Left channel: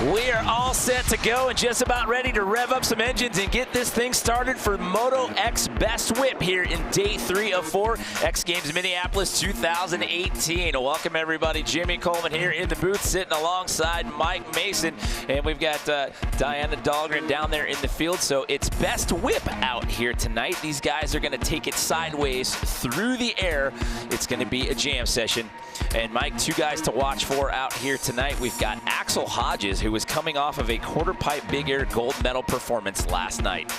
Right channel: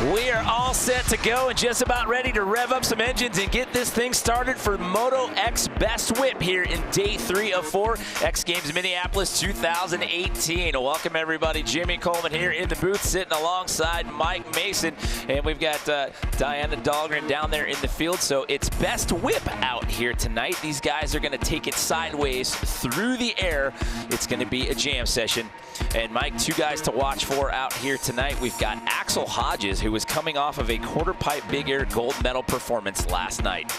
We are all set to go and just about ready to rev up some engines and get this thing started for Moto X Best Whip here in day 3 of 4, X Games Minneapolis 2018. Welcome everybody, Jimmy Coleman here in the booth sitting alongside Mike Mason, and we've got Diana Dahlgren down there in the field. So it's Best Whip out here tonight. These guys are going to take it sideways through the air. It's going to be a jam session. And Mike, 2 guys to watch for out here tonight. We've got Axel Hodges, who was coming off of a quarter pipe big air gold medal performance last night.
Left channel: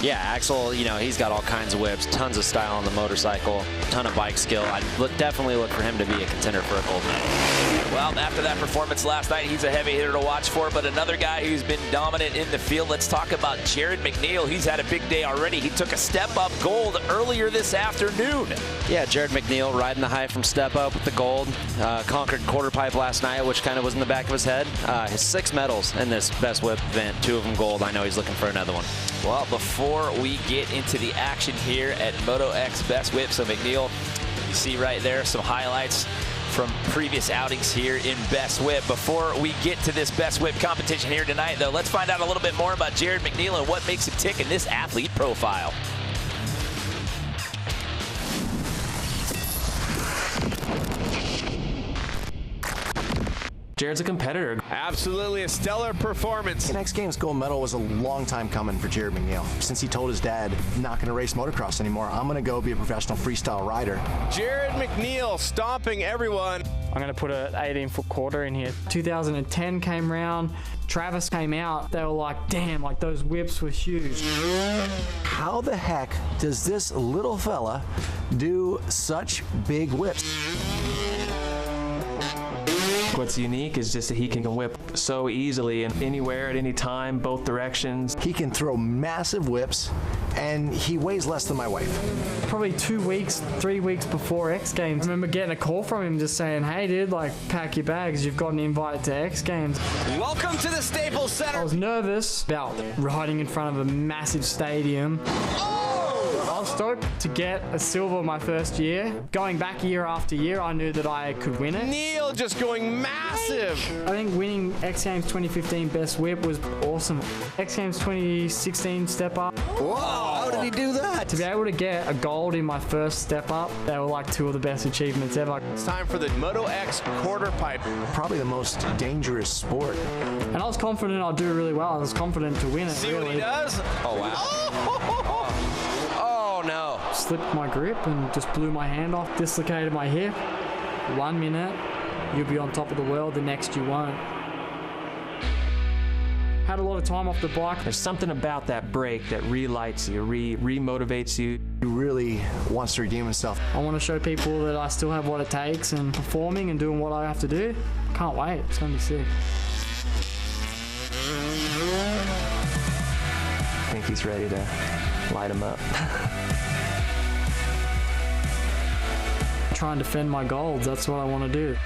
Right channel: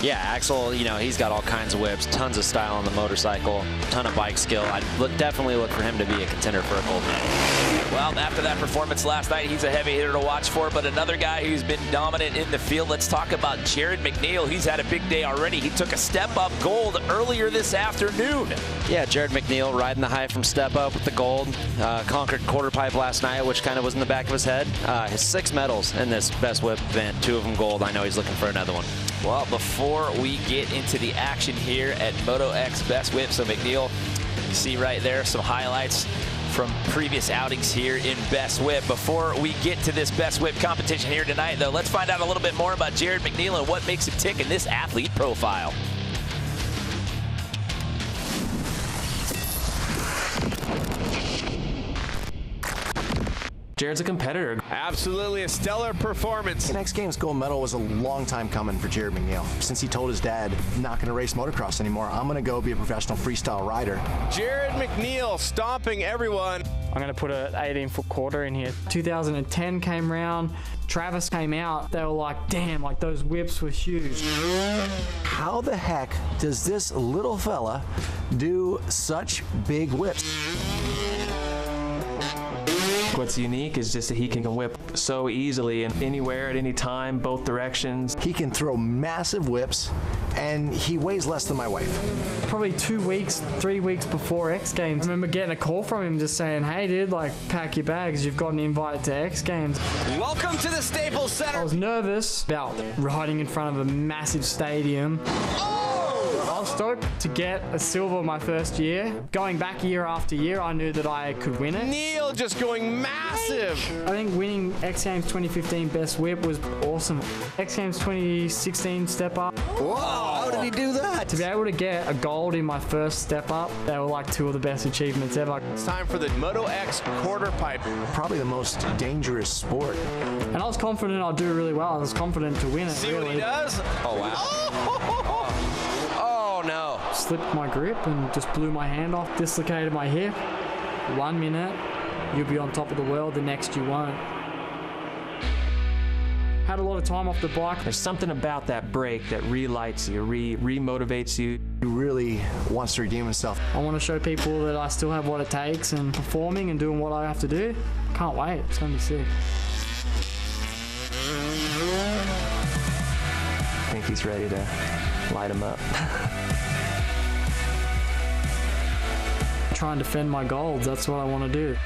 Yeah, Axel, you know, he's got all kinds of whips, tons of style on the motorcycle, ton of bike skill. I'd definitely look for him to be a contender for a gold medal. Well, after that performance last night, he's a heavy hitter to watch for, but another guy who's been dominant in the field, let's talk about Jared Mcneil. He's had a big day already. He took a step up gold earlier this afternoon. Yeah, Jared Mcneil riding the high from step up with the gold. Conquered quarter pipe last night, which kind of was in the back of his head. His 6 medals in this Best Whip event, 2 of them gold. I know he's looking for another one. Well, before we get into the action here at Moto X Best Whip, so Mcneil, you see right there some highlights from previous outings here in Best Whip. Before we get to this Best Whip competition here tonight, though, let's find out a little bit more about Jared Mcneil and what makes him tick in this athlete profile. Jared's a competitor. Absolutely a stellar performance. An X Games gold medal was a long time coming for Jared Mcneil. Since he told his dad, not going to race motocross anymore, I'm going to go be a professional freestyle rider. Jared Mcneil stomping everyone. I'm going to put an 18-foot quarter in here. 2010 came round, Travis came out. They were like, damn, like those whips were huge. How the heck does this little fella do such big whips? What's unique is just that he can whip so easily and anywhere at any time, both directions. He can throw massive whips, and he weighs less than my wife. Probably 2 weeks, 3 weeks before X Games, I remember getting a call from him just saying, hey dude, like, pack your bags, you've got an invite to X Games. Welcome to the Staples Center. I was nervous about riding in front of a massive stadium. I was stoked to get a silver my first year. Going back year after year, I knew that I could win it. Neil just going massive. I think winning X Games 2015 Best Whip was awesome. X Games 2016 Step Up. Whoa, how did he do that? To be able to get a gold in my first Step Up, they were like 2 of the best achievements ever. It's time for the Moto X quarter pipe. Probably the most dangerous sport. And I was confident I'd do really well. I was confident to win it, See really. what he does? Oh, wow. Oh, no. Slipped my grip and just blew my hand off, dislocated my hip. 1 minute, you'll be on top of the world, the next you won't. Had a lot of time off the bike. There's something about that break that relights you, re-motivates you. He really wants to redeem himself. I want to show people that I still have what it takes and performing and doing what I have to do. Can't wait, it's going to be sick. I think he's ready to light him up. Try and defend my golds, that's what I want to do.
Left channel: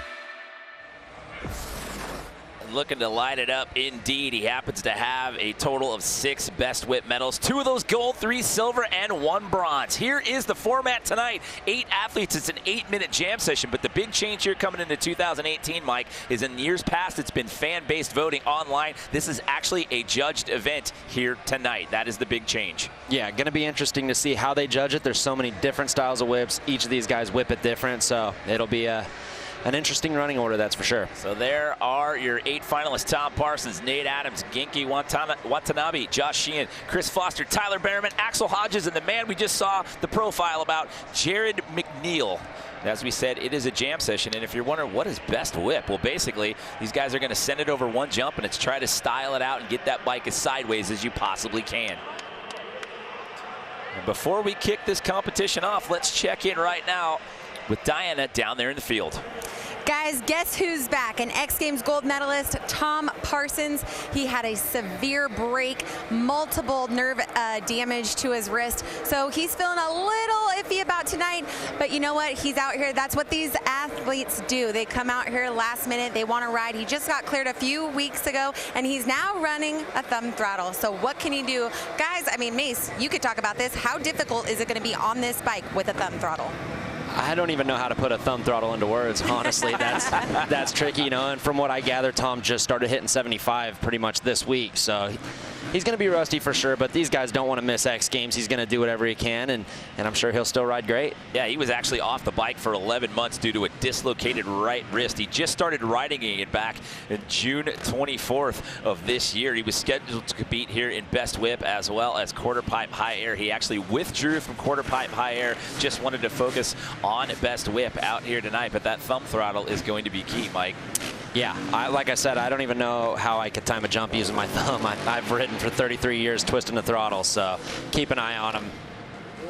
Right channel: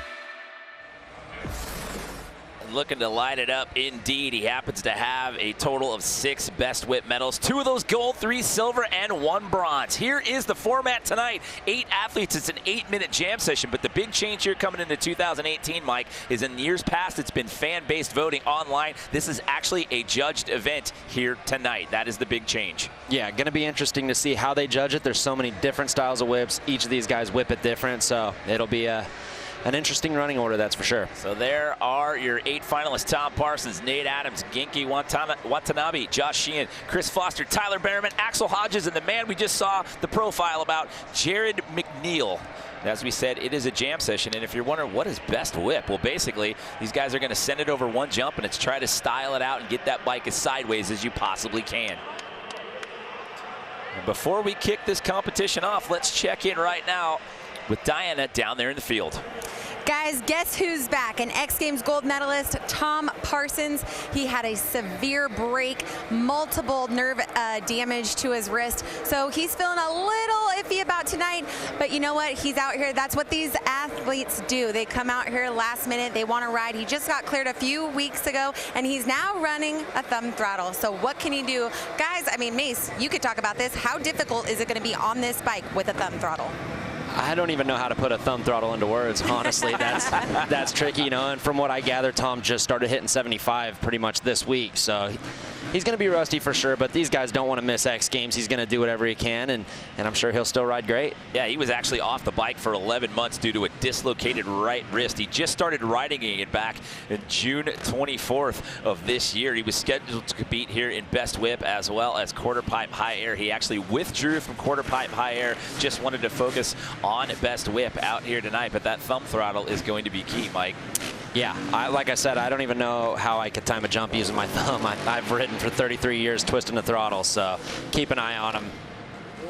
Looking to light it up indeed. He happens to have a total of 6 Best Whip medals, 2 of those gold, 3 silver, and 1 bronze. Here is the format tonight. 8 athletes. It's an 8-minute jam session, but the big change here coming into 2018, Mike, is in years past it's been fan-based voting online. This is actually a judged event here tonight. That is the big change. Yeah, going to be interesting to see how they judge it. There's so many different styles of whips. Each of these guys whip it different, so it'll be an interesting running order, that's for sure. So there are your 8 finalists: Tom Parsons, Nate Adams, Genki Watanabe, Josh Sheehan, Chris Foster, Tyler Behrman, Axel Hodges, and the man we just saw the profile about, Jared Mcneil. As we said, it is a jam session, and if you're wondering what is Best Whip, well, basically, these guys are going to send it over 1 jump, and it's try to style it out and get that bike as sideways as you possibly can. And before we kick this competition off, let's check in right now with Diana down there in the field. Guys, guess who's back? An X Games gold medalist, Tom Parsons. He had a severe break, multiple nerve damage to his wrist. So he's feeling a little iffy about tonight, but you know what? He's out here. That's what these athletes do. They come out here last minute. They want to ride. He just got cleared a few weeks ago, and he's now running a thumb throttle. So what can he do? Guys, I mean, Mace, you could talk about this. How difficult is it going to be on this bike with a thumb throttle? I don't even know how to put a thumb throttle into words, honestly. That's tricky, you know, and from what I gather, Tom just started hitting 75 pretty much this week, so he's going to be rusty for sure, but these guys don't want to miss X Games. He's going to do whatever he can, and I'm sure he'll still ride great. Yeah, he was actually off the bike for 11 months due to a dislocated right wrist. He just started riding it back in June 24th of this year. He was scheduled to compete here in Best Whip as well as quarter pipe high air. He actually withdrew from quarter pipe high air, just wanted to focus on Best Whip out here tonight, but that thumb throttle is going to be key, Mike. Yeah, like I said, I don't even know how I could time a jump using my thumb. I've ridden for 33 years twisting the throttle, so keep an eye on him.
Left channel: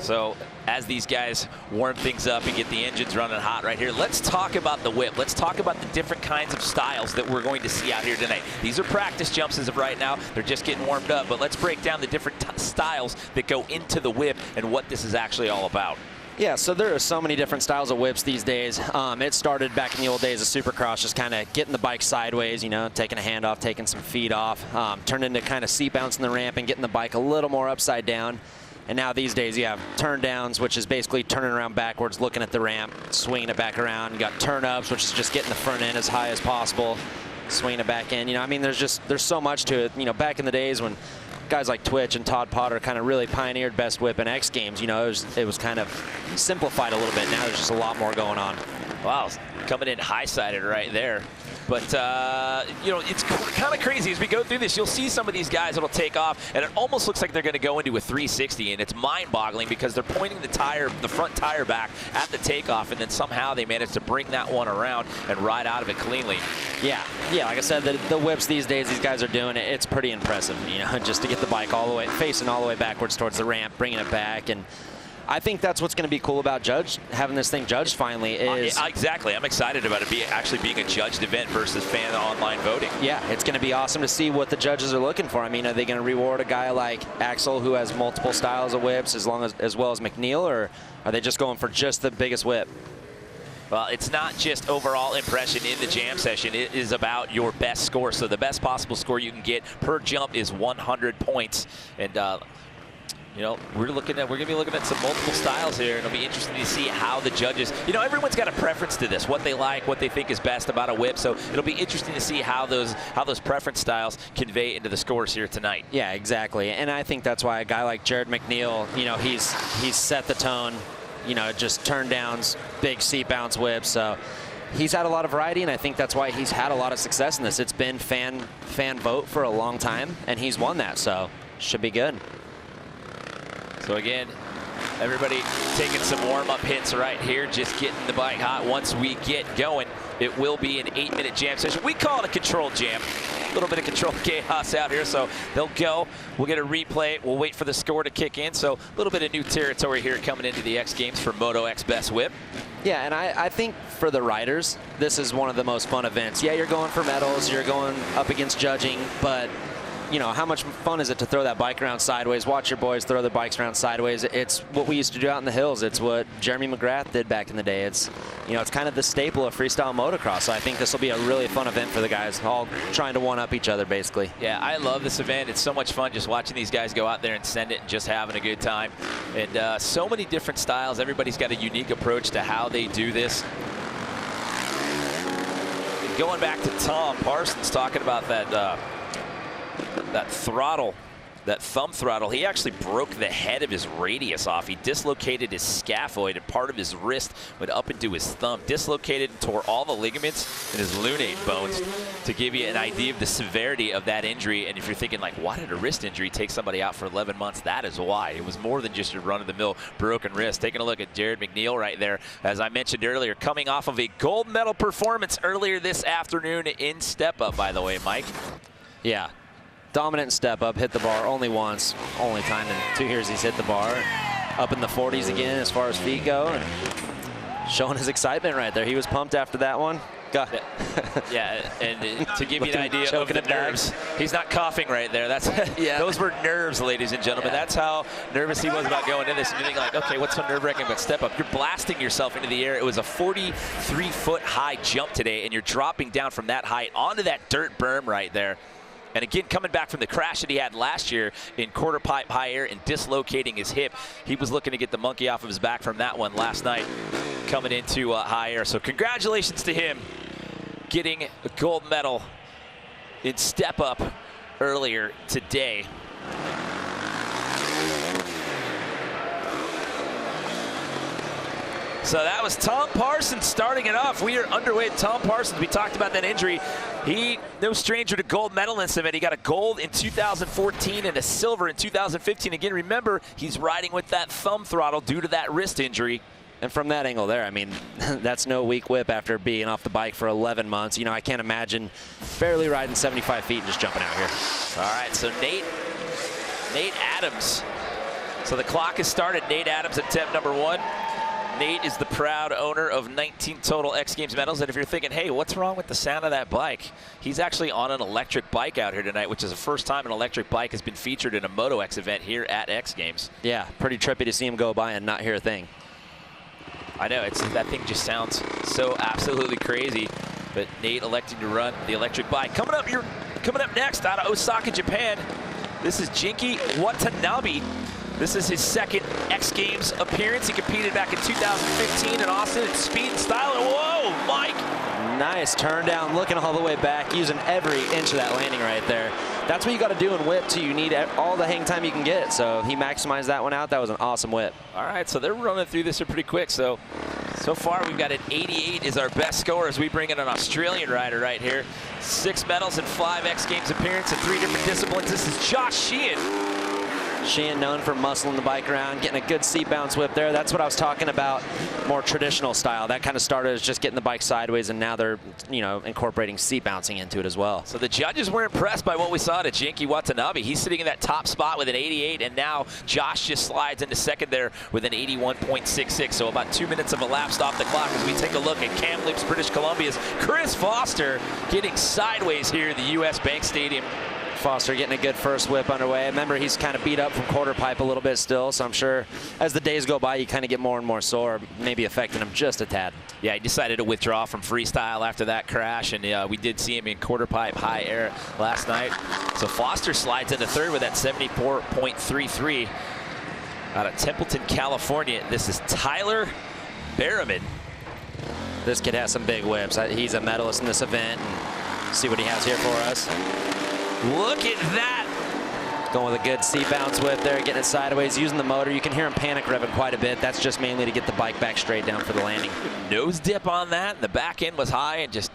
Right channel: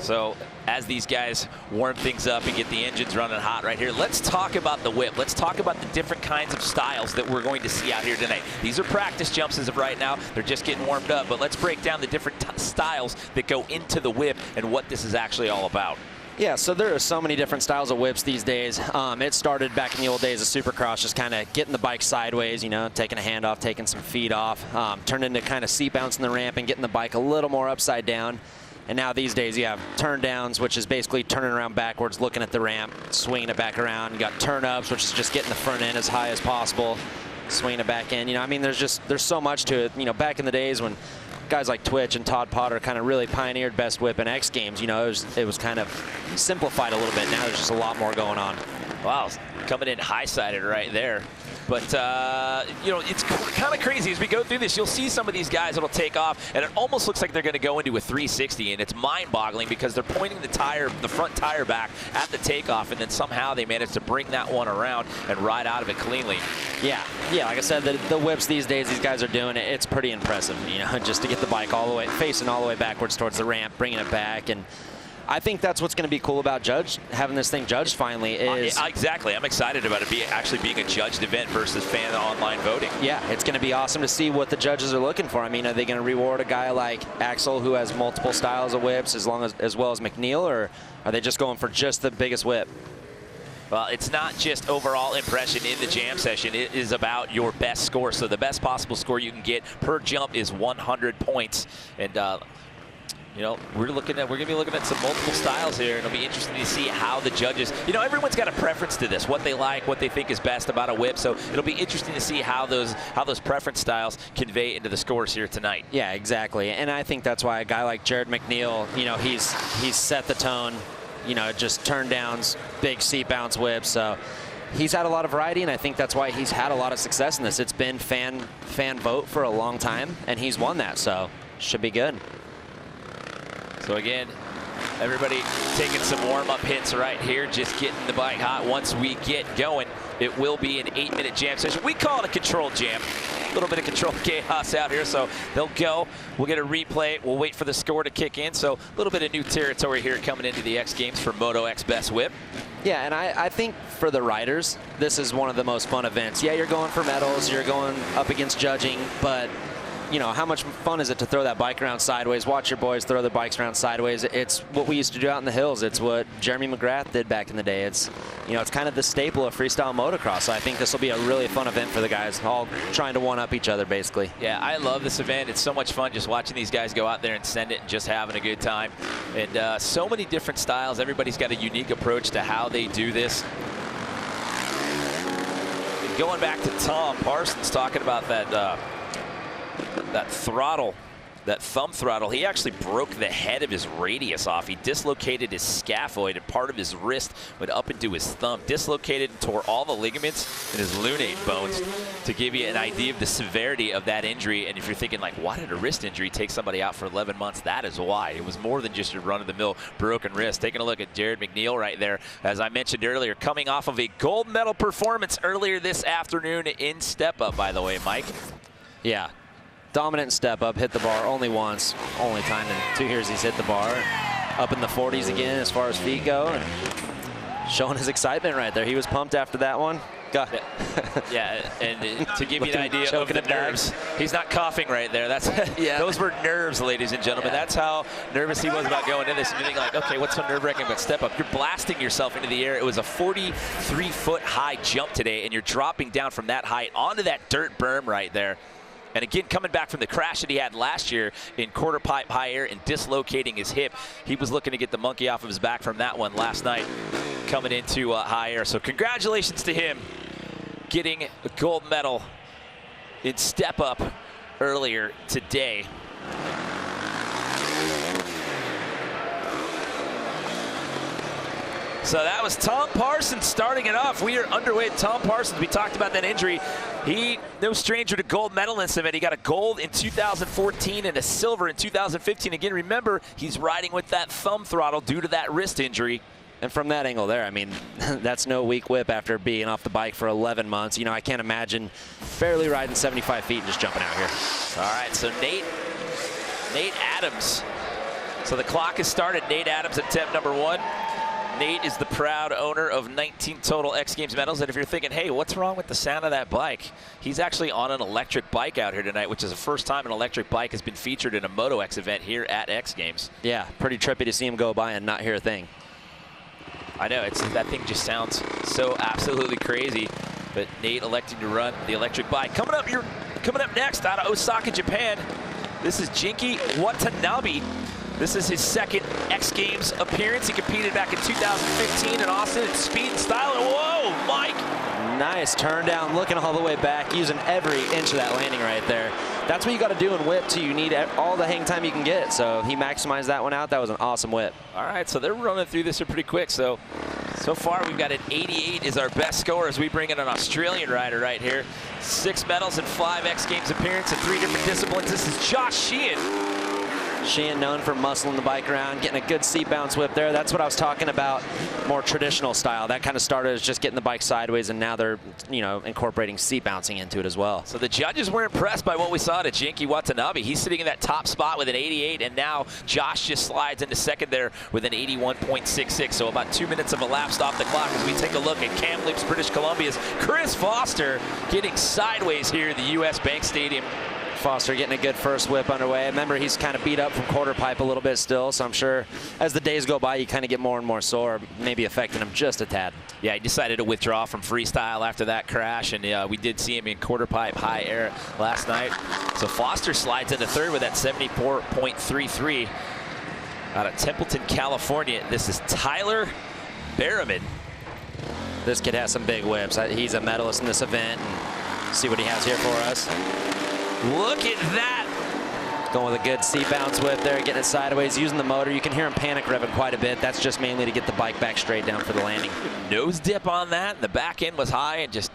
So as these guys warm things up and get the engines running hot right here, let's talk about the whip. Let's talk about the different kinds of styles that we're going to see out here tonight. These are practice jumps as of right now. They're just getting warmed up, but let's break down the different styles that go into the whip and what this is actually all about. Yeah, so there are so many different styles of whips these days. It started back in the old days of Supercross, just kind of getting the bike sideways, you know, taking a hand off, taking some feet off, turned into kind of seat bouncing the ramp and getting the bike a little more upside down. And now these days you have turn downs, which is basically turning around backwards, looking at the ramp, swinging it back around. You got turn ups, which is just getting the front end as high as possible, swinging it back in. You know, I mean, there's so much to it. You know, back in the days when guys like Twitch and Todd Potter kind of really pioneered Best Whip and X Games, you know, it was kind of simplified a little bit. Now there's just a lot more going on. Wow, coming in high-sided right there. But, you know, it's kind of crazy. As we go through this, you'll see some of these guys that'll take off, and it almost looks like they're going to go into a 360, and it's mind-boggling because they're pointing the front tire back at the takeoff, and then somehow they manage to bring that one around and ride out of it cleanly. Yeah, like I said, the whips these days, these guys are doing it. It's pretty impressive, you know, just to get the bike all the way, facing all the way backwards towards the ramp, bringing it back, and I think that's what's going to be cool about having this thing judged finally is... Exactly. I'm excited about it actually being a judged event versus fan online voting. Yeah, it's going to be awesome to see what the judges are looking for. I mean, are they going to reward a guy like Axel who has multiple styles of whips as well as Mcneil, or are they just going for just the biggest whip? Well, it's not just overall impression in the jam session. It is about your best score. So the best possible score you can get per jump is 100 points. And, you know, we're going to be looking at some multiple styles here, and it'll be interesting to see how the judges, you know, everyone's got a preference to this, what they like, what they think is best about a whip. So it'll be interesting to see how those preference styles convey into the scores here tonight. Yeah, exactly. And I think that's why a guy like Jared Mcneil, you know, he's set the tone, you know, just turn downs, big seat bounce whips. So he's had a lot of variety, and I think that's why he's had a lot of success in this. It's been fan vote for a long time, and he's won that, so should be good. So again, everybody taking some warm-up hits right here, just getting the bike hot. Once we get going, it will be an 8-minute jam session. We call it a controlled jam. A little bit of controlled chaos out here, so they'll go. We'll get a replay. We'll wait for the score to kick in. So a little bit of new territory here coming into the X Games for Moto X Best Whip. Yeah, and I think for the riders, this is one of the most fun events. Yeah, you're going for medals, you're going up against judging, but you know, how much fun is it to throw that bike around sideways, watch your boys throw their bikes around sideways. It's what we used to do out in the hills. It's what Jeremy McGrath did back in the day. It's, you know, it's kind of the staple of freestyle motocross. So I think this will be a really fun event for the guys, all trying to one-up each other, basically. Yeah, I love this event. It's so much fun just watching these guys go out there and send it and just having a good time. And so many different styles. Everybody's got a unique approach to how they do this. Going back to Tom Parsons talking about that throttle, that thumb throttle, he actually broke the head of his radius off. He dislocated his scaphoid, and part of his wrist went up into his thumb. Dislocated and tore all the ligaments in his lunate bones, to give you an idea of the severity of that injury. And if you're thinking, like, why did a wrist injury take somebody out for 11 months? That is why. It was more than just your run-of-the-mill broken wrist. Taking a look at Jared Mcneil right there, as I mentioned earlier, coming off of a gold medal performance earlier this afternoon in step-up, by the way, Mike. Yeah. Dominant step up, hit the bar only once, only time in 2 years he's hit the bar. Up in the 40s again as far as feet go, and showing his excitement right there. He was pumped after that one. Yeah, and to give you an idea of the nerves, he's not coughing right there. That's those were nerves, ladies and gentlemen. That's how nervous he was about going into this. And you're thinking, like, okay, what's so nerve-wracking about step up? You're blasting yourself into the air. It was a 43-foot high jump today, and you're dropping down from that height onto that dirt berm right there. And again, coming back from the crash that he had last year in quarter pipe high air and dislocating his hip, he was looking to get the monkey off of his back from that one last night. coming into high air. So congratulations to him getting a gold medal in step up earlier today. So that was Tom Parsons starting it off. We are underway with Tom Parsons. We talked about that injury. He, no stranger to gold medal in this event. He got a gold in 2014 and a silver in 2015. Again, remember, he's riding with that thumb throttle due to that wrist injury. And from that angle there, I mean, that's no weak whip after being off the bike for 11 months. You know, I can't imagine barely riding 75 feet and just jumping out here. All right, so Nate Adams. So the clock has started. Nate Adams attempt number 1. Nate is the proud owner of 19 total X Games medals. And if you're thinking, hey, what's wrong with the sound of that bike? He's actually on an electric bike out here tonight, which is the first time an electric bike has been featured in a Moto X event here at X Games. Yeah, pretty trippy to see him go by and not hear a thing. I know, that thing just sounds so absolutely crazy. But Nate electing to run the electric bike. Coming up next out of Osaka, Japan, this is Jinky Watanabe. This is his second X Games appearance. He competed back in 2015 in Austin in speed and style. And whoa, Mike! Nice turn down, looking all the way back, using every inch of that landing right there. That's what you got to do in whip too. You need all the hang time you can get. So he maximized that one out. That was an awesome whip. All right, so they're running through this pretty quick. So far we've got an 88 is our best score as we bring in an Australian rider right here. 6 medals and 5 X Games appearances in 3 different disciplines. This is Josh Sheehan. Sheehan known for muscling the bike around, getting a good seat bounce whip there. That's what I was talking about, more traditional style. That kind of started as just getting the bike sideways, and now they're, you know, incorporating seat bouncing into it as well. So the judges were impressed by what we saw to Jinky Watanabe. He's sitting in that top spot with an 88, and now Josh just slides into second there with an 81.66. So about 2 minutes of elapsed off the clock as we take a look at Kamloops, British Columbia's Chris Foster getting sideways here at the U.S. Bank Stadium. Foster getting a good first whip underway. Remember, he's kind of beat up from quarter pipe a little bit still, so I'm sure as the days go by, you kind of get more and more sore, maybe affecting him just a tad. Yeah, he decided to withdraw from freestyle after that crash, and we did see him in quarter pipe high air last night. So Foster slides into third with that 74.33 out of Templeton, California. This is Tyler Behrman. This kid has some big whips. He's a medalist in this event. And see what he has here for us. Look at that. Going with a good seat bounce whip there, getting it sideways, using the motor. You can hear him panic revving quite a bit. That's just mainly to get the bike back straight down for the landing. Nose dip on that, and the back end was high, and just,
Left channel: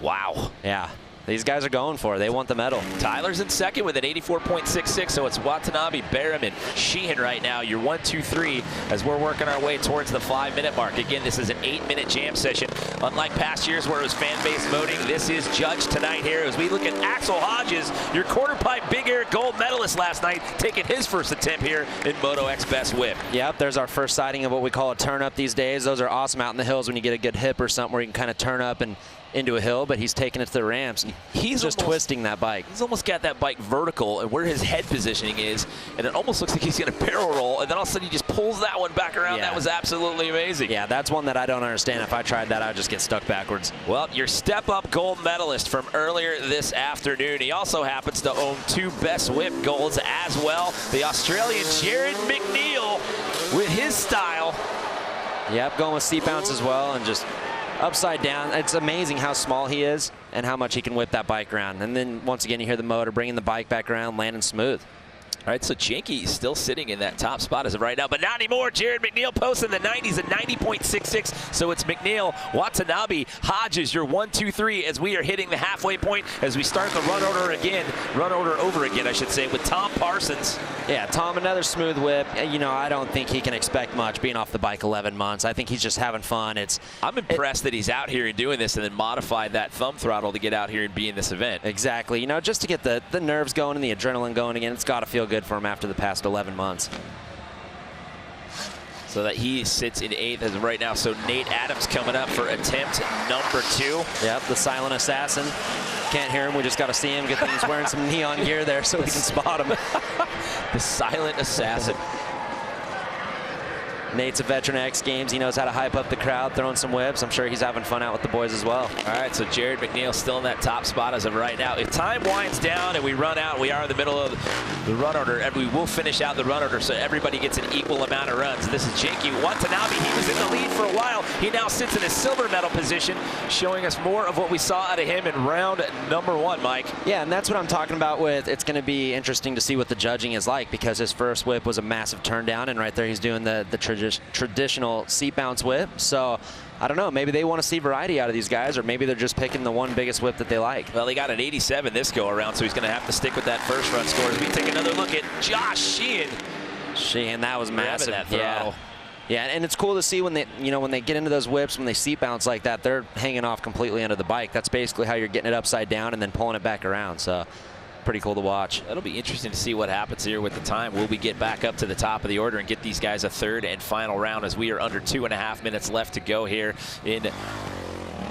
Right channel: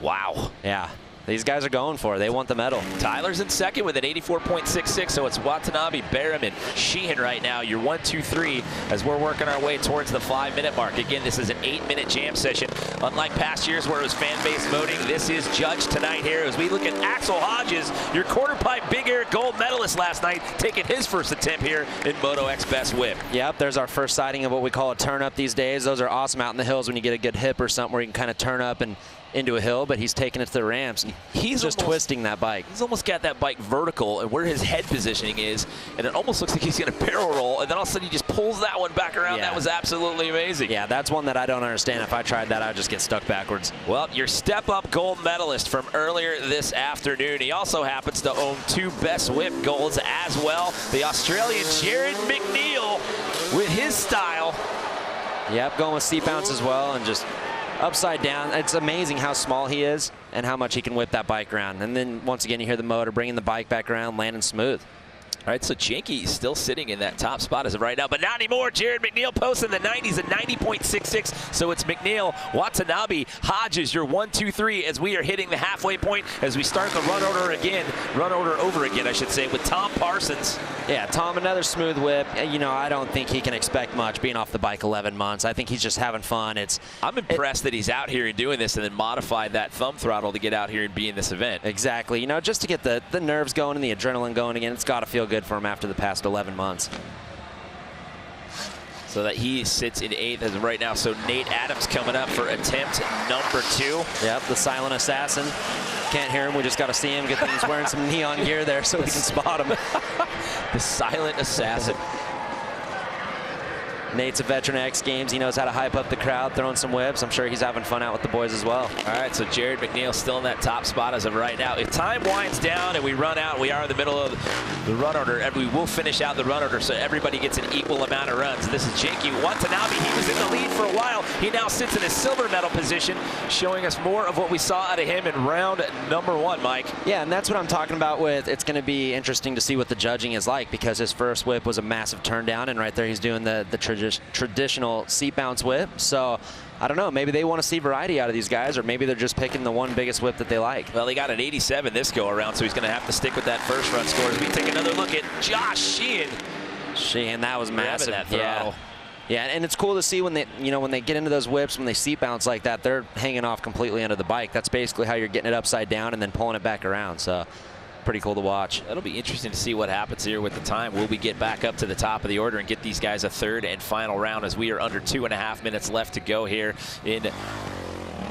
wow. Yeah, these guys are going for it. They want the medal. Tyler's in second with an 84.66, so it's Watanabe, Barrowman, Sheehan right now. You're 1, 2, 3 as we're working our way towards the 5-minute mark. Again, this is an 8-minute jam session. Unlike past years where it was fan-based voting, this is judged tonight here as we look at Axel Hodges, your quarter pipe big air gold medalist last night, taking his first attempt here in Moto X Best Whip. Yep, there's our first sighting of what we call a turn up these days. Those are awesome out in the hills when you get a good hip or something where you can kind of turn up and into a hill, but he's taking it to the ramps. He's just twisting that bike. He's almost got that bike vertical and where his head positioning is, and it almost looks like he's going to barrel roll, and then all of a sudden he just pulls that one back around. Yeah. That was absolutely amazing. Yeah, that's one that I don't understand. If I tried that, I'd just get stuck backwards. Well, your step-up gold medalist from earlier this afternoon. He also happens to own 2 Best Whip golds as well. The Australian Jared Mcneil with his style. Yep, going with seat bounce as well, and just upside down. It's amazing how small he is and how much he can whip that bike around. And then once again, you hear the motor bringing the bike back around, landing smooth. All right, so Jinky is still sitting in that top spot as of right now, but not anymore. Jared Mcneil posting the 90s at 90.66. So it's Mcneil, Watanabe, Hodges, your 1, 2, 3 as we are hitting the halfway point as we start the run order over again, I should say, with Tom Parsons. Yeah, Tom, another smooth whip. You know, I don't think he can expect much being off the bike 11 months. I think he's just having fun. I'm impressed that he's out here and doing this and then modified that thumb throttle to get out here and be in this event. Exactly. You know, just to get the nerves going and the adrenaline going again, it's got to feel good for him after the past 11 months. So that he sits in 8th as of right now. So Nate Adams coming up for attempt number 2. Yep, the silent assassin. Can't hear him. We just got to see him. He's wearing some neon gear there so we can spot him. The silent assassin. Nate's a veteran of X Games. He knows how to hype up the crowd, throwing some whips. I'm sure he's having fun out with the boys as well. All right, so Jared Mcneil still in that top spot as of right now. If time winds down and we run out, we are in the middle of the run order, and we will finish out the run order so everybody gets an equal amount of runs. This is Jinky Watanabe. He was in the lead for a while. He now sits in a silver medal position, showing us more of what we saw out of him in round number 1, Mike. Yeah, and that's what I'm talking about with it's going to be interesting to see what the judging is like, because his first whip was a massive turn down, and right there he's doing the traditional seat bounce whip. So I don't know, maybe they want to see variety out of these guys, or maybe they're just picking the one biggest whip that they like. Well, he got an 87 this go around, so he's going to have to stick with that first run score. As we take another look at Josh Sheehan. Sheehan, that was massive. That throttle. Yeah, and it's cool to see when they, when they get into those whips, when they seat bounce like that, they're hanging off completely under the bike. That's basically how you're getting it upside down and then pulling it back around. So pretty cool to watch. That'll be interesting to see what happens here with the time. Will we get back up to the top of the order and get these guys a third and final round, as we are under 2.5 minutes left to go here in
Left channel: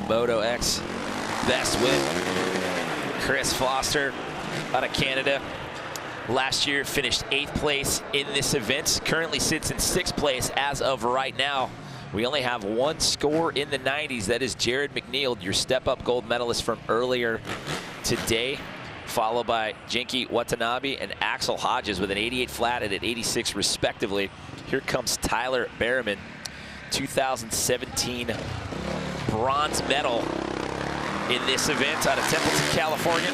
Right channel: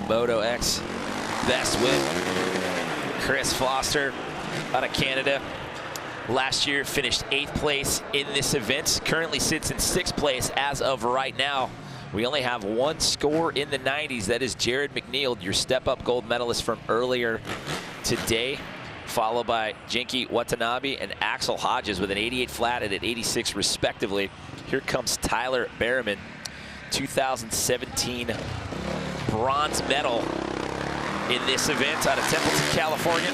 Moto X Best Whip. Chris Foster out of Canada. Last year finished 8th place in this event. Currently sits in 6th place as of right now. We only have one score in the 90s. That is Jared Mcneil, your step-up gold medalist from earlier today, followed by Jinky Watanabe and Axel Hodges with an 88 flat and an 86 respectively. Here comes Tyler Behrman, 2017 bronze medal in this event out of Templeton, California.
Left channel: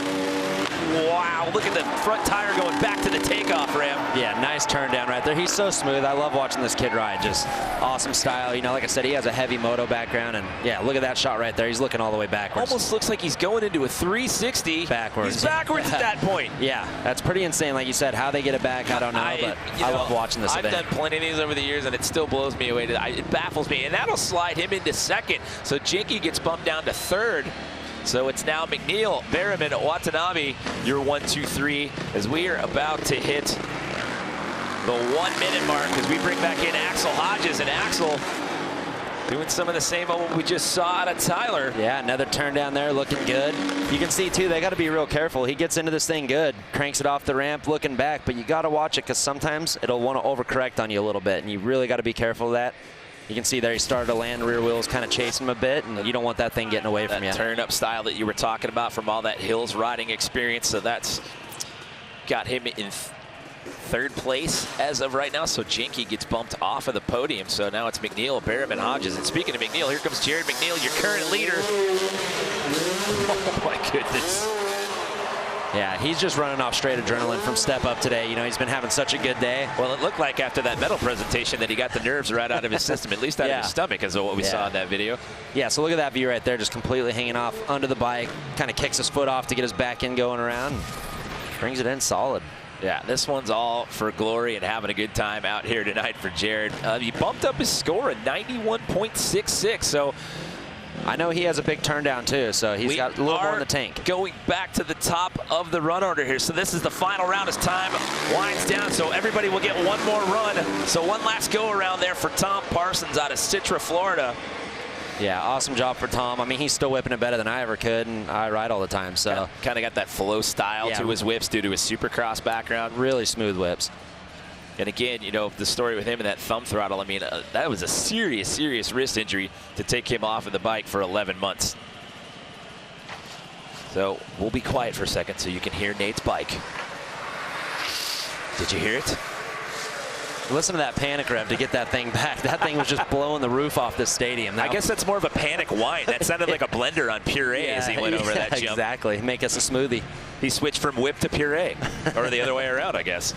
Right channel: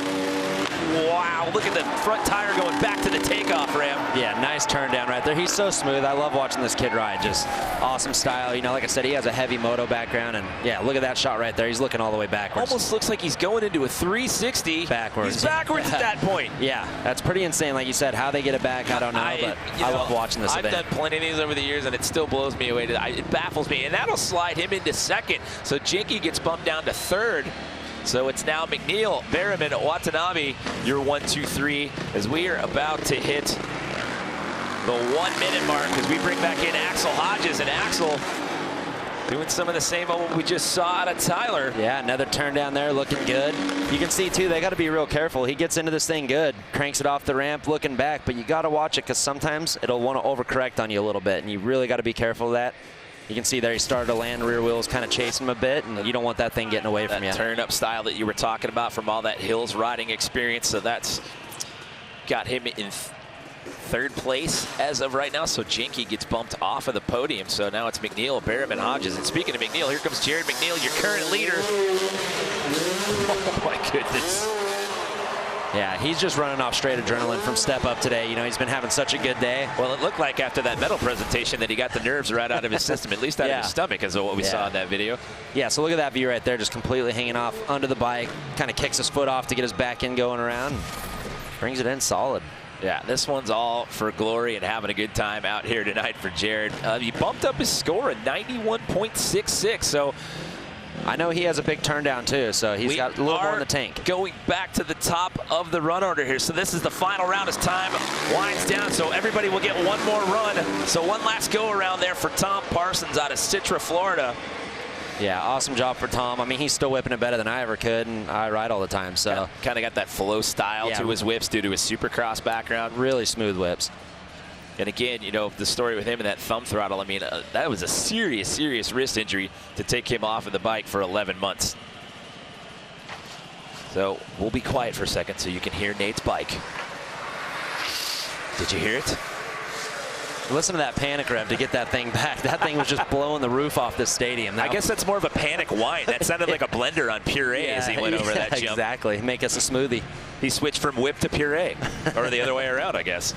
Wow, look at the front tire going back to the takeoff ramp. Yeah, nice turn down right there. He's so smooth. I love watching this kid ride. Just awesome style. Like I said, he has a heavy moto background, and yeah, look at that shot right there. He's looking all the way backwards. Almost looks like he's going into a 360. Backwards. He's backwards at that point. Yeah, that's pretty insane. Like you said, how they get it back, I don't know, but I love watching this event. I've done plenty of these over the years, and it still blows me away. It baffles me, and that'll slide him into 2nd. So Jinky gets bumped down to 3rd. So it's now Mcneil, Behrman, Watanabe, your 1, 2, 3, as we are about to hit the 1 minute mark as we bring back in Axel Hodges, and Axel doing some of the same of what we just saw out of Tyler. Yeah, another turn down there, looking good. You can see too, they got to be real careful. He gets into this thing good, cranks it off the ramp, looking back, but you got to watch it, because sometimes it'll want to overcorrect on you a little bit, and you really got to be careful of that. You can see there he started to land, rear wheels kind of chase him a bit, and you don't want that thing getting away from you. Turn-up style that you were talking about from all that hills riding experience, so that's got him in 3rd place as of right now. So Jinky gets bumped off of the podium, so now it's Mcneil, Behrman, Hodges. And speaking of Mcneil, here comes Jared Mcneil, your current leader. Oh my goodness. Yeah, he's just running off straight adrenaline from step up today. He's been having such a good day. Well, it looked like after that medal presentation that he got the nerves right out of his system, at least out of his stomach, is what we saw in that video. Yeah, so look at that view right there, just completely hanging off under the bike, kind of kicks his foot off to get his back end going around, brings it in solid. Yeah, this one's all for glory and having a good time out here tonight for Jared. He bumped up his score at 91.66, so I know he has a big turn down too, so he's got a little more in the tank. Going back to the top of the run order here. So this is the final round as time winds down, so everybody will get one more run. So one last go around there for Tom Parsons out of Citra, Florida. Yeah, awesome job for Tom. I mean, he's still whipping it better than I ever could, and I ride all the time, so. Kind of got that flow style to his whips due to his supercross background. Really smooth whips. And again, the story with him and that thumb throttle, I mean, that was a serious wrist injury to take him off of the bike for 11 months. So we'll be quiet for a second so you can hear Nate's bike. Did you hear it? Listen to that panic rev to get that thing back. That thing was just blowing the roof off this stadium. I guess that's more of a panic whine. That sounded like a blender on puree as he went over that jump. Exactly. Make us a smoothie. He switched from whip to puree, or the other way around, I guess.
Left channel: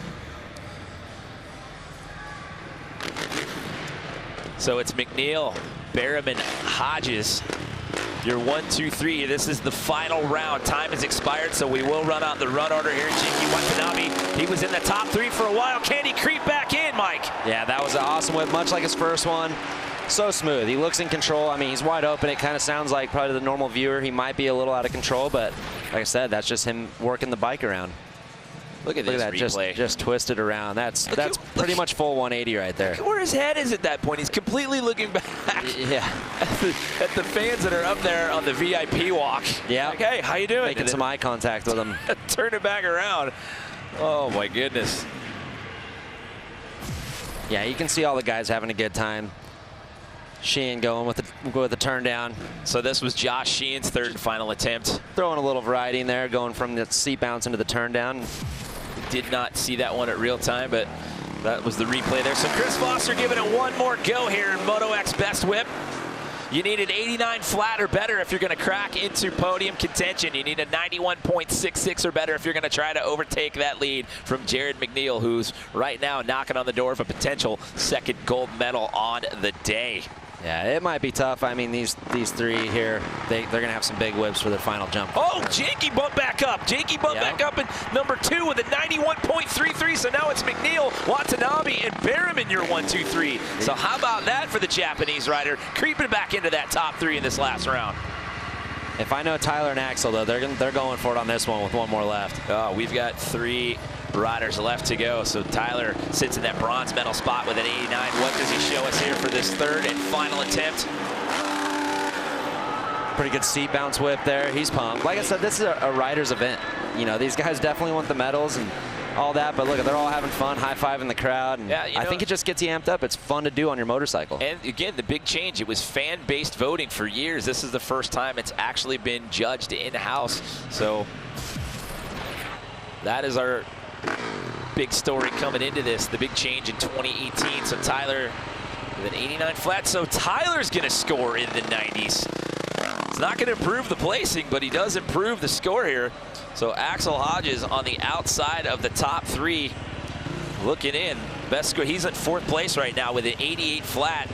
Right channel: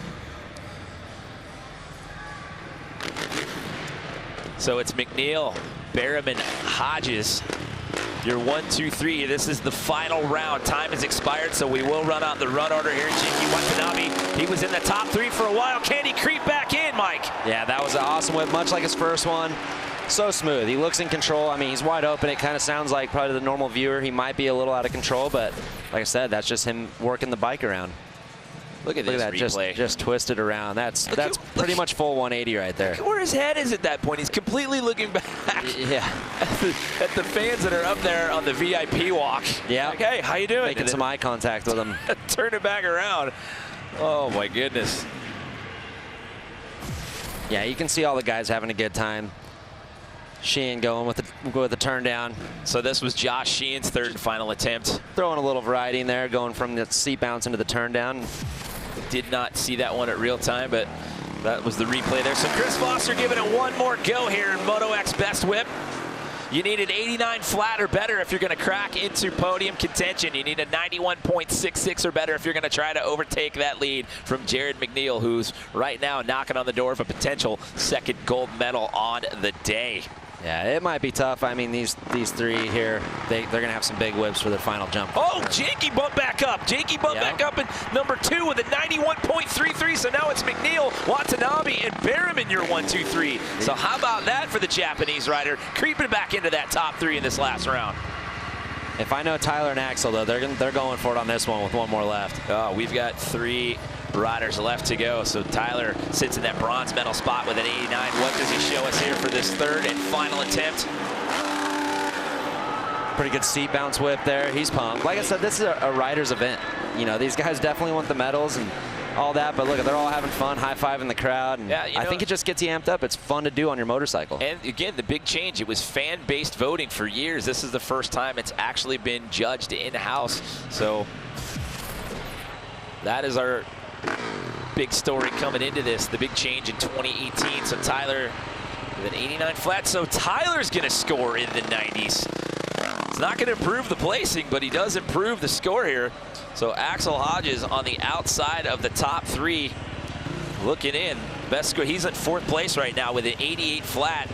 So it's Mcneil, Barrowman, Hodges. Your 1, 2, 3. This is the final round. Time has expired, so we will run out the run order here. Jinky Watanabe, he was in the top 3 for a while. Can he creep back in, Mike? Yeah, that was an awesome whip, much like his first one. So smooth. He looks in control. I mean, he's wide open. It kind of sounds like probably the normal viewer, he might be a little out of control, but like I said, that's just him working the bike around. Look at that replay. Just twisted around. That's pretty much full 180 right there. Look where his head is at that point. He's completely looking back at the fans that are up there on the VIP walk. Yeah. Like, hey, how you doing? Making some eye contact with them. Turn it back around. Oh my goodness. Yeah, you can see all the guys having a good time. Sheehan going with the turn down. So this was Josh Sheehan's third and final attempt. Throwing a little variety in there, going from the seat bounce into the turn down. Did not see that one at real time, but that was the replay there. So Chris Foster giving it one more go here in Moto X Best Whip. You need an 89 flat or better if you're going to crack into podium contention. You need a 91.66 or better if you're going to try to overtake that lead from Jared Mcneil, who's right now knocking on the door of a potential second gold medal on the day. Yeah, it might be tough. I mean, these three here, they're going to have some big whips for their final jump. Oh, Jakey bumped back up. Jakey bumped back up in number 2 with a 91.33. So now it's Mcneil, Watanabe, and Behrman, your 1, 2, 3. So how about that for the Japanese rider, creeping back into that top 3 in this last round. If I know Tyler and Axel, though, they're going for it on this one with one more left. Oh, we've got 3 riders left to go. So Tyler sits in that bronze medal spot with an 89. What does he show us here for this third and final attempt? Pretty good seat bounce whip there. He's pumped. Like I said, this is a rider's event. You know, these guys definitely want the medals and all that, but look, they're all having fun, high-fiving the crowd, and I think it just gets you amped up. It's fun to do on your motorcycle. And again, the big change, it was fan-based voting for years. This is the first time it's actually been judged in-house. So that is our big story coming into this, the big change in 2018. So Tyler with an 89 flat. So Tyler's going to score in the 90s. It's not going to improve the placing, but he does improve the score here. So Axel Hodges on the outside of the top 3, looking in. Best score. He's at 4th place right now with an 88 flat.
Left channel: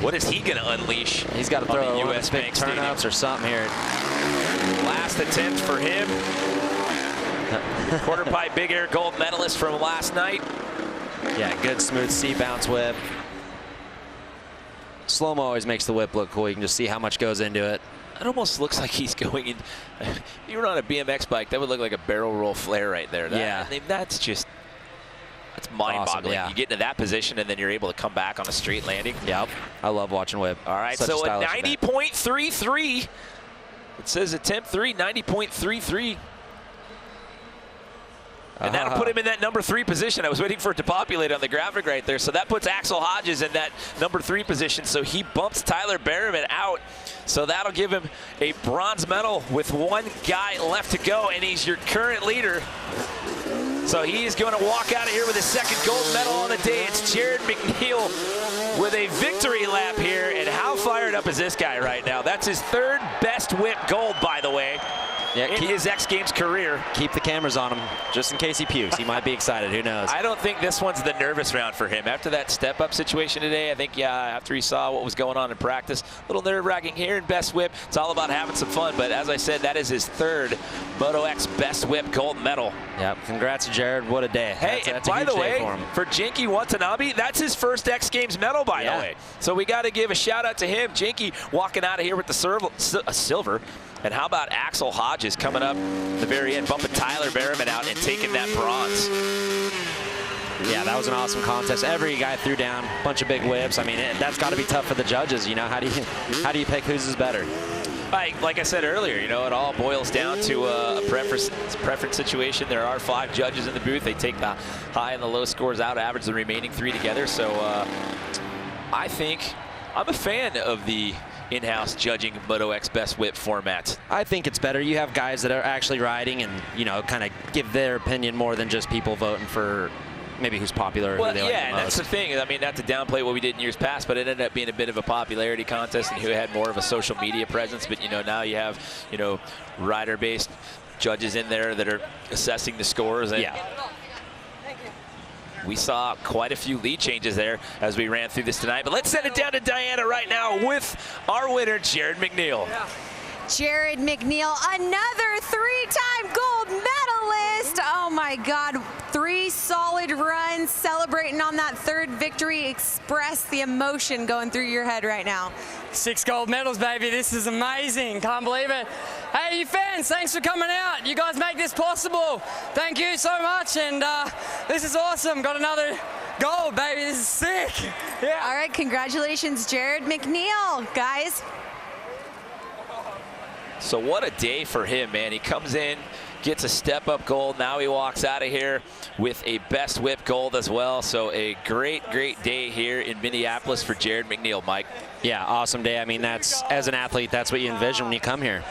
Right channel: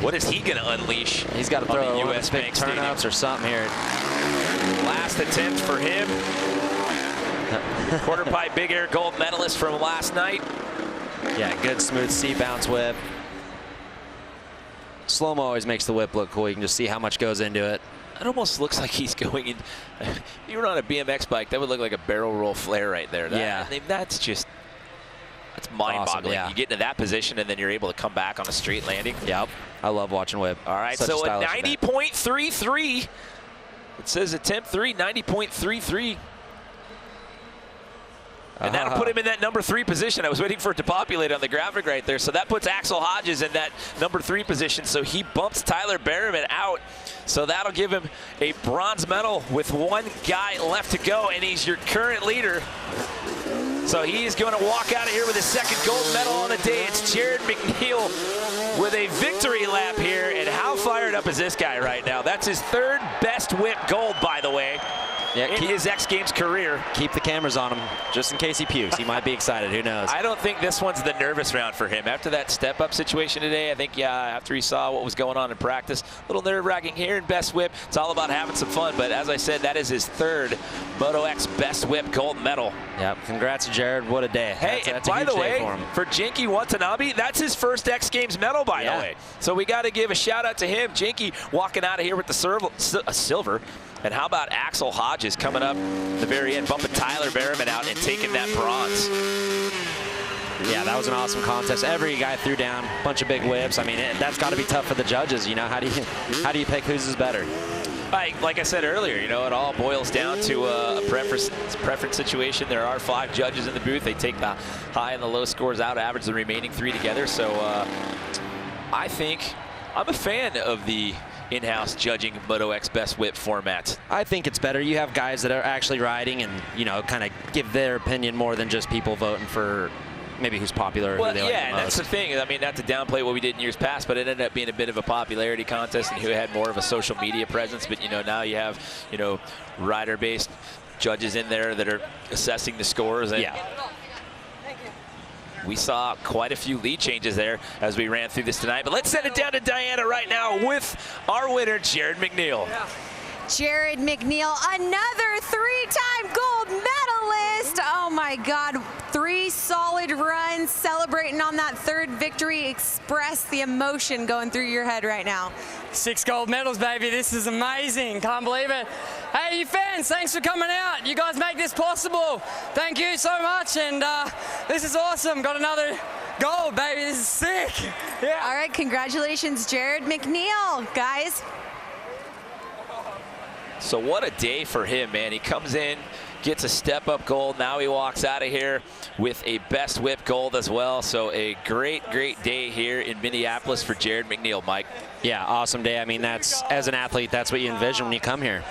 What is he going to unleash? He's got to throw one of his big turnouts or something here. Last attempt for him. Quarter pipe big air gold medalist from last night. Yeah, good smooth seat bounce whip. Slow-mo always makes the whip look cool. You can just see how much goes into it. It almost looks like he's going in. If you were on a BMX bike, that would look like a barrel roll flare right there. Yeah. I mean, that's mind-boggling. Awesome, You get into that position, and then you're able to come back on a straight landing. Yep. I love watching whip. All right, so a 90.33. It says attempt 3, 90.33. And that'll put him in that number 3 position. I was waiting for it to populate on the graphic right there. So that puts Axel Hodges in that number 3 position. So he bumps Tyler Behrman out. So that'll give him a bronze medal with 1 guy left to go. And he's your current leader. So he's going to walk out of here with his 2nd gold medal on the day. It's Jared Mcneil with a victory lap here. And how fired up is this guy right now? That's his 3rd best whip gold, by the way. Yeah, in his X Games career. Keep the cameras on him, just in case he pukes. He might be excited, who knows? I don't think this one's the nervous round for him. After that step-up situation today, I think, after he saw what was going on in practice, a little nerve-wracking here in Best Whip. It's all about having some fun, but as I said, that is his 3rd Moto X Best Whip gold medal. Yeah, congrats to Jared. What a day. Hey, that's by the way, for Jinky Watanabe, that's his first X Games medal, by the way. So we got to give a shout-out to him. Jinky walking out of here with the silver. And how about Axel Hodges coming up at the very end, bumping Tyler Behrman out and taking that bronze. Yeah, that was an awesome contest. Every guy threw down a bunch of big whips. I mean, that's got to be tough for the judges. You know, how do you pick whose is better? Like I said earlier, you know, it all boils down to a preference situation. There are 5 judges in the booth. They take the high and the low scores out, average the remaining 3 together. So I think I'm a fan of the in-house judging Moto X Best Whip format. I think it's better. You have guys that are actually riding and, you know, kind of give their opinion more than just people voting for maybe who's popular or who they like the most. Yeah, that's the thing. I mean, not to downplay what we did in years past, but it ended up being a bit of a popularity contest and who had more of a social media presence. But, you know, now you have, you know, rider-based judges in there that are assessing the scores. And we saw quite a few lead changes there as we ran through this tonight. But let's send it down to Diana right now with our winner, Jared Mcneil. Jared Mcneil, another 3-time gold medalist. Oh my God, 3 solid runs, celebrating on that 3rd victory. Express the emotion going through your head right now. 6 gold medals, baby. This is amazing. Can't believe it. Hey, you fans, thanks for coming out. You guys make this possible. Thank you so much. And this is awesome. Got another gold, baby. This is sick. Yeah. All right, congratulations, Jared Mcneil, guys. So what a day for him, man. He comes in, gets a step-up gold. Now he walks out of here with a Best Whip gold as well. So a great, great day here in Minneapolis for Jared McNeil, Mike. Yeah, awesome day. I mean, that's, as an athlete, that's what you envision when you come here.